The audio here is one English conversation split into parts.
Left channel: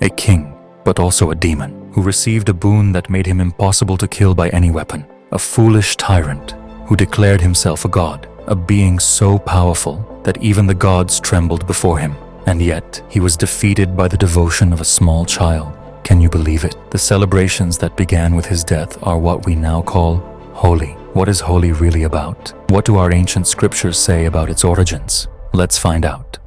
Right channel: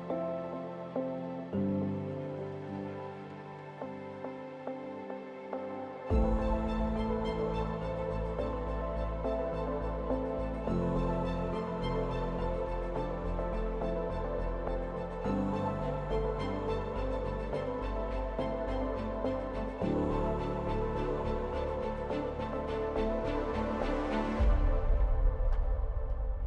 a king, but also a demon, who received a boon that made him impossible to kill by any weapon, a foolish tyrant who declared himself a god, a being so powerful that even the gods trembled before him, and yet he was defeated by the devotion of a small child. Can you believe it? The celebrations that began with his death are what we now call Holi. What is Holi really about? What do our ancient scriptures say about its origins? Let's find out.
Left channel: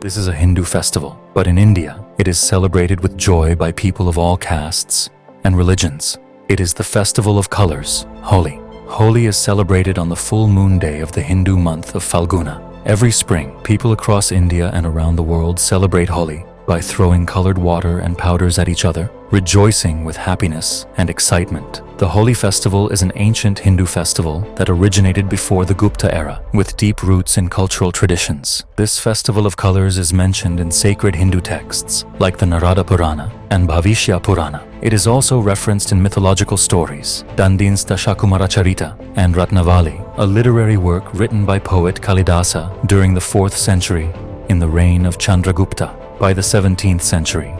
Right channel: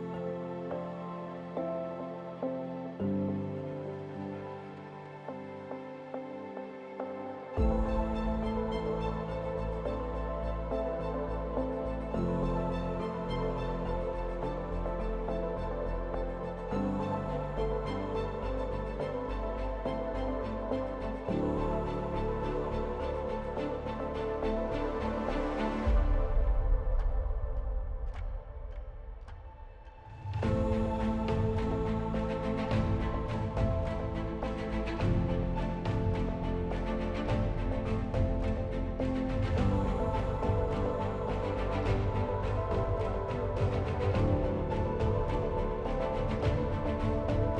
This is a Hindu festival, but in India, it is celebrated with joy by people of all castes and religions. It is the festival of colors, Holi. Holi is celebrated on the full moon day of the Hindu month of Falguna. Every spring, people across India and around the world celebrate Holi by throwing colored water and powders at each other, rejoicing with happiness and excitement. The Holi festival is an ancient Hindu festival that originated before the Gupta era, with deep roots in cultural traditions. This festival of colors is mentioned in sacred Hindu texts like the Narada Purana and Bhavishya Purana. It is also referenced in mythological stories, Dandin's Dashakumara Charita and Ratnavali, a literary work written by poet Kalidasa during the 4th century in the reign of Chandragupta. By the 17th century,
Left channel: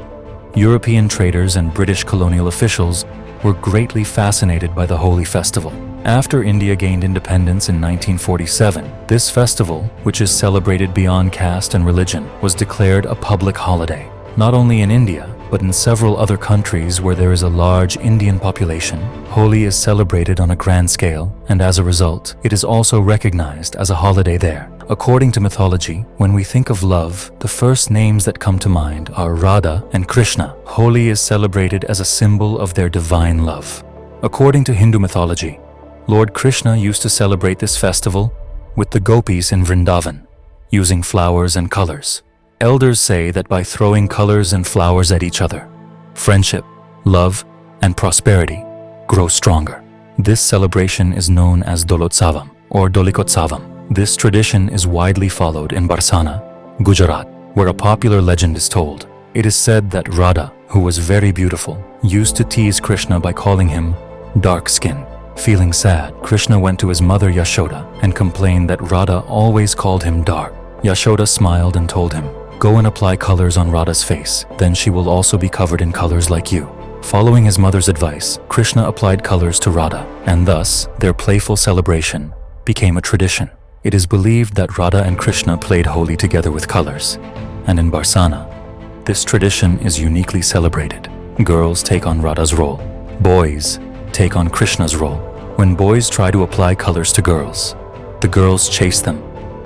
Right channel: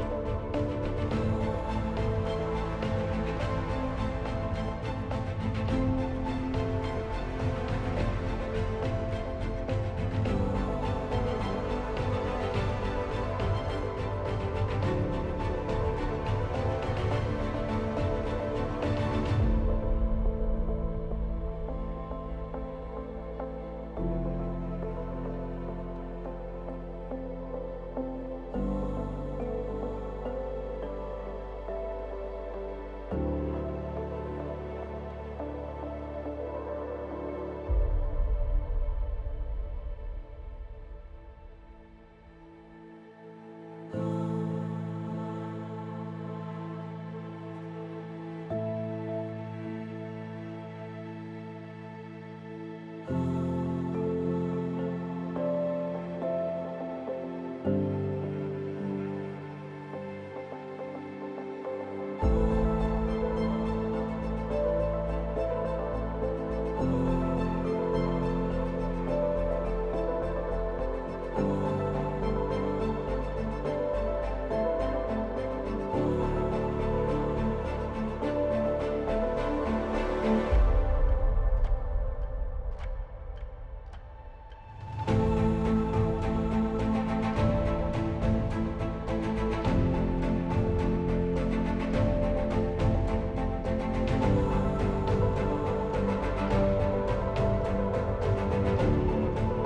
European traders and British colonial officials were greatly fascinated by the Holi festival. After India gained independence in 1947, this festival, which is celebrated beyond caste and religion, was declared a public holiday. Not only in India, but in several other countries where there is a large Indian population, Holi is celebrated on a grand scale, and as a result, it is also recognized as a holiday there. According to mythology, when we think of love, the first names that come to mind are Radha and Krishna. Holi is celebrated as a symbol of their divine love. According to Hindu mythology, Lord Krishna used to celebrate this festival with the gopis in Vrindavan, using flowers and colors. Elders say that by throwing colors and flowers at each other, friendship, love, and prosperity grow stronger. This celebration is known as Dolotsavam or Dolikotsavam. This tradition is widely followed in Barsana, Gujarat, where a popular legend is told. It is said that Radha, who was very beautiful, used to tease Krishna by calling him dark-skinned. Feeling sad, Krishna went to his mother Yashoda and complained that Radha always called him dark. Yashoda smiled and told him, "Go and apply colors on Radha's face, then she will also be covered in colors like you." Following his mother's advice, Krishna applied colors to Radha, and thus their playful celebration became a tradition. It is believed that Radha and Krishna played Holi together with colors, and in Barsana, this tradition is uniquely celebrated. Girls take on Radha's role. Boys take on Krishna's role. When boys try to apply colors to girls, the girls chase them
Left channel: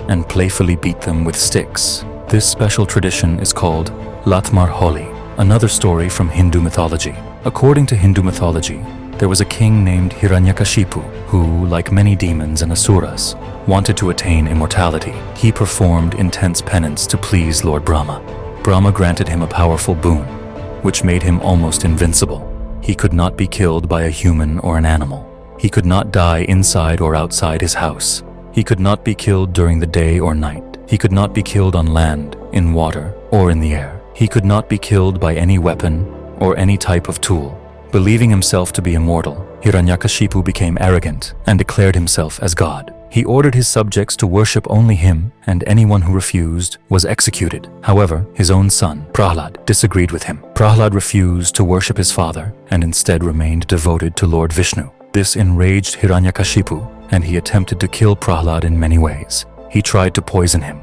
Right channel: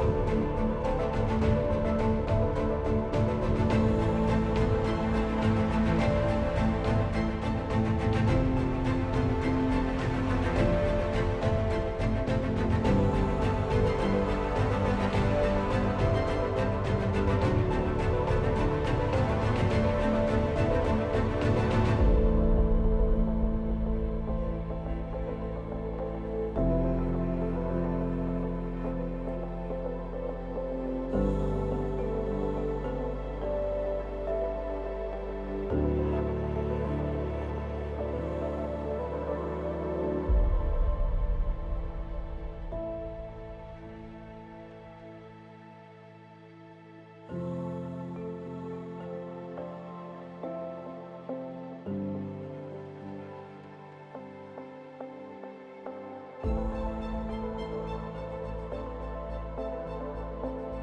and playfully beat them with sticks. This special tradition is called Latmar Holi. Another story from Hindu mythology. According to Hindu mythology, there was a king named Hiranyakashipu who, like many demons and asuras, wanted to attain immortality. He performed intense penance to please Lord Brahma. Brahma granted him a powerful boon, which made him almost invincible. He could not be killed by a human or an animal. He could not die inside or outside his house. He could not be killed during the day or night. He could not be killed on land, in water, or in the air. He could not be killed by any weapon or any type of tool. Believing himself to be immortal, Hiranyakashipu became arrogant and declared himself as God. He ordered his subjects to worship only him, and anyone who refused was executed. However, his own son, Prahlad, disagreed with him. Prahlad refused to worship his father and instead remained devoted to Lord Vishnu. This enraged Hiranyakashipu, and he attempted to kill Prahlad in many ways. He tried to poison him,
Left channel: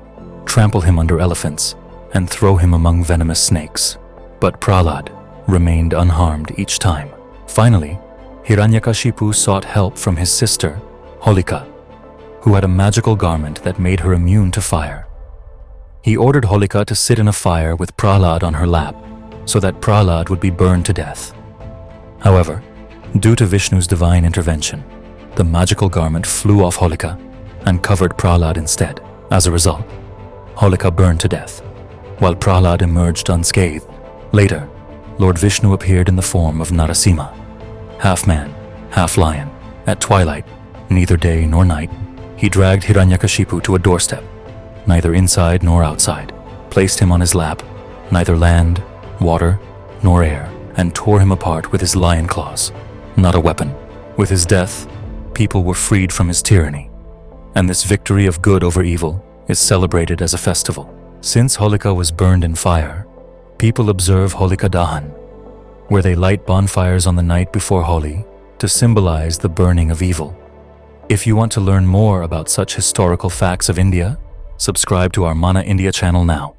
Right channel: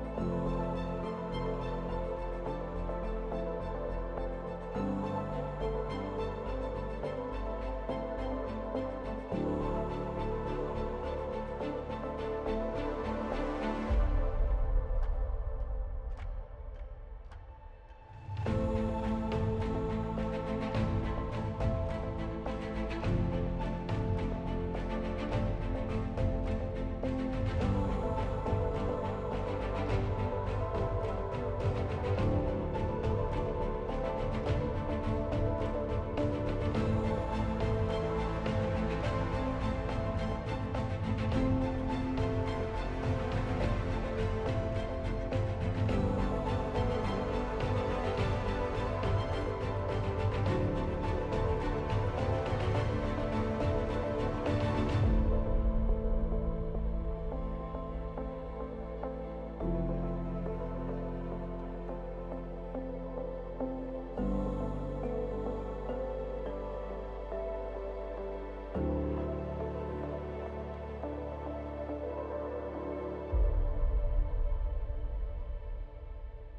trample him under elephants, and throw him among venomous snakes. But Prahlad remained unharmed each time. Finally, Hiranyakashipu sought help from his sister, Holika, who had a magical garment that made her immune to fire. He ordered Holika to sit in a fire with Prahlad on her lap, so that Prahlad would be burned to death. However, due to Vishnu's divine intervention, the magical garment flew off Holika and covered Prahlad instead. As a result, Holika burned to death, while Prahlad emerged unscathed. Later, Lord Vishnu appeared in the form of Narasimha, half man, half lion. At twilight, neither day nor night, he dragged Hiranyakashipu to a doorstep, neither inside nor outside, placed him on his lap, neither land, water, nor air, and tore him apart with his lion claws. not a weapon. With his death, people were freed from his tyranny, and this victory of good over evil is celebrated as a festival. Since Holika was burned in fire, people observe Holika Dahan, where they light bonfires on the night before Holi to symbolize the burning of evil. If you want to learn more about such historical facts of India, subscribe to our Mana India channel now.